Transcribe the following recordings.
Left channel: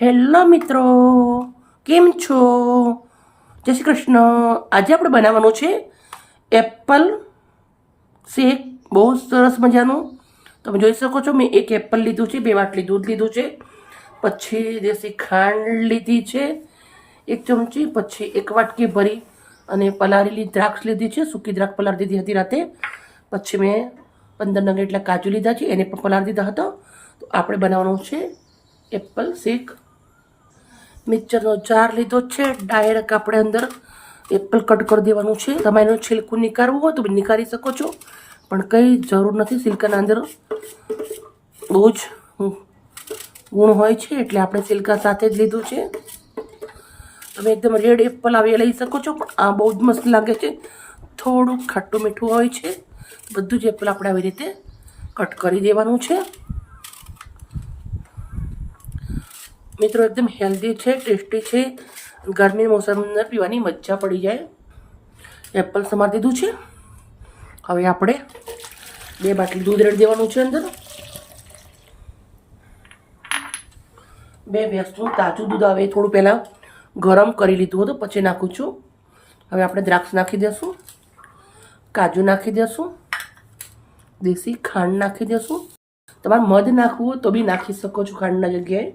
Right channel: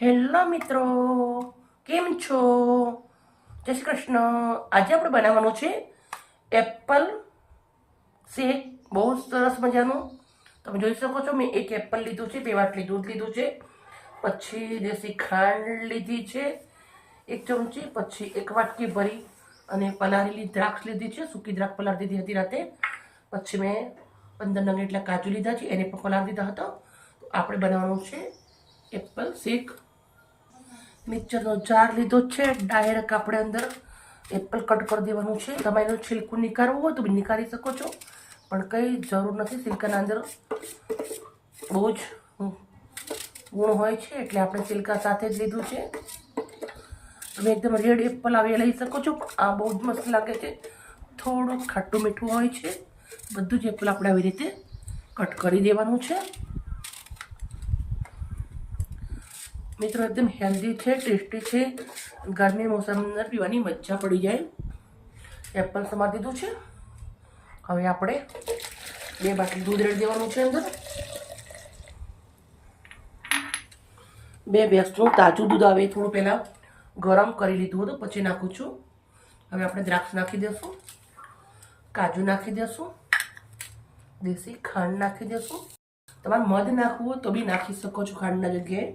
Hello મિત્રો, કેમ છો? જય શ્રી કૃષ્ણ. આજે આપણે બનાવવાનું છે એપલ શેક. બહુ સરસ મજાનું. તમે જોઈ શકો છો, મેં એક એપલ લીધું છે, 2 વાટલી દૂધ લીધું છે, પછી દેશી ખાંડ લીધી છે 1 ચમચી, પછી 1 વાટકી ભરી અને પલાળેલી દ્રાક્ષ લીધી છે, સૂકી દ્રાક્ષ પલાળી દીધી હતી રાતે. પછી મેં 15 નંગ એટલા કાજુ લીધા છે, એને પણ પલાળી દીધા હતા. તો આપણે બનાવવાનું છે એપલ શેક. મિક્સરનો જાર લીધો છે, ડાયરેક્ટ આપણે અંદર એપલ કટ કરી દેવાનું છે. તમારે એનું છિલકું નીકાળવું હોય તો નીકાળી શકો છો, પણ કંઈ જરૂર નથી. સિલ્કાના અંદર બહુ જ ગુણ હોય છે, એટલે આપણે સિલ્કા સાથે જ લીધું છે. તમે એકદમ રેડ એપલ આવે લઈ શકો છો, પણ આ બહુ જ મસ્ત લાગે છે. થોડું ખાટું મીઠું હોય છે. બધું જ એપલ આપણે આવી રીતે કટ કરી દેવાનું છે. મિત્રો એકદમ હેલ્ધી છે, ટેસ્ટી છે. ગરમી મોસમની અંદર પીવાની મજા પડી જાય. એપલ સમારી દીધું છે. હવે આપણે 2 બાટલી દૂધ રેડી દેવાનું છે. અંદર 2 ભેંસનું તાજું દૂધ આવે, થોડું પહેલાં ગરમ કરી લીધું હતું, પછી નાખું છું. હવે આપણે દ્રાક્ષ નાખી દઈશું, કાજુ નાખી દઈશું, દેશી ખાંડ નાખી દઈશું. તમારે મધ નાખવું હોય તો બી નાખી શકો છો ખાંડના જગ્યાએ.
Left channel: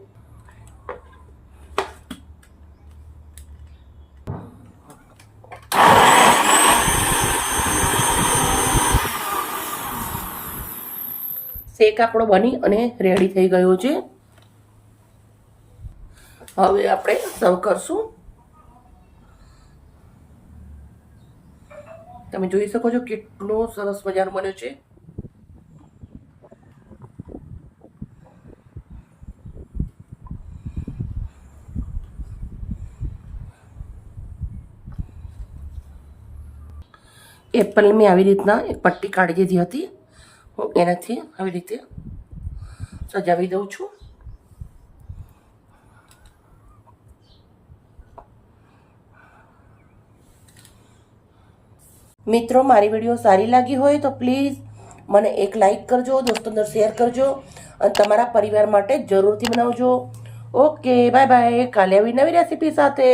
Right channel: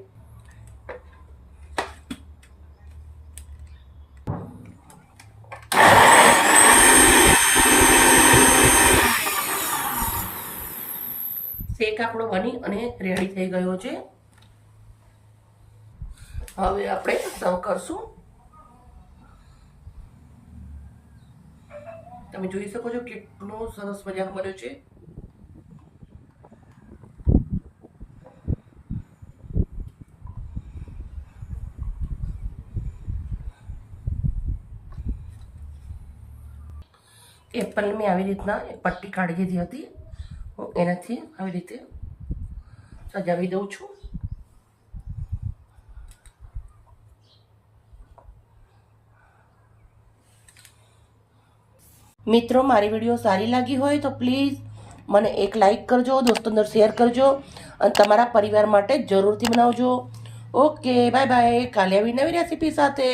શેક આપણો બની અને રેડી થઈ ગયો છે. હવે આપણે સર્વ કરશું. તમે જોઈ શકો છો કેટલો સરસ મજાનો બન્યો છે. એપલ મેં આવી રીતના એક પટ્ટી કાઢી દીધી હતી. હું એનાથી આવી રીતે સજાવી દઉં છું. મિત્રો, મારી વિડીયો સારી લાગી હોય તો પ્લીઝ મને એક લાઈક કરજો, દોસ્તો અંદર શેર કરજો અને તમારા પરિવાર માટે જરૂરથી બનાવજો. Okay, bye bye. કાલે આવી નવી રેસીપી સાથે.